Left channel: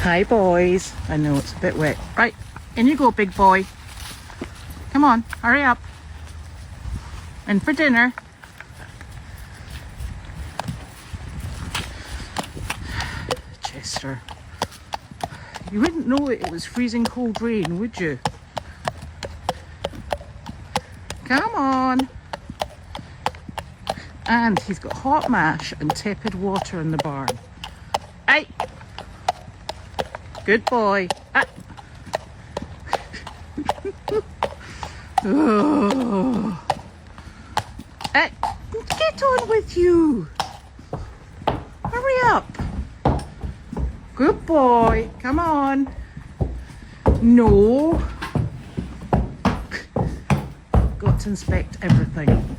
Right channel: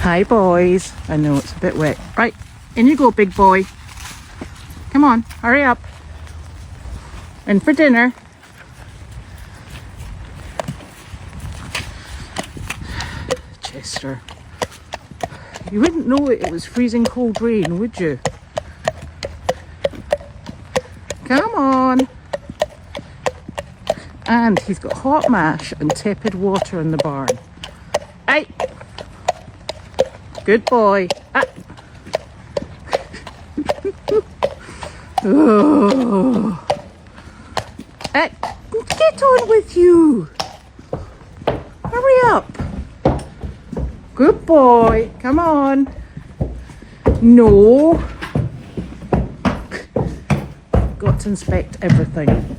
Hi boys. I know it's a bit wet. Right, in you go, big boy. Come on, hurry up. In for dinner. Chester. You wouldn't know it was freezing cold rain, would you? Come on. And he's got hot mash and tepid water in the barn. Hey! Good boy. Ah. Oh. Hey, get on with you. Hurry up. Good boy. Come on. No. Got to inspect everything.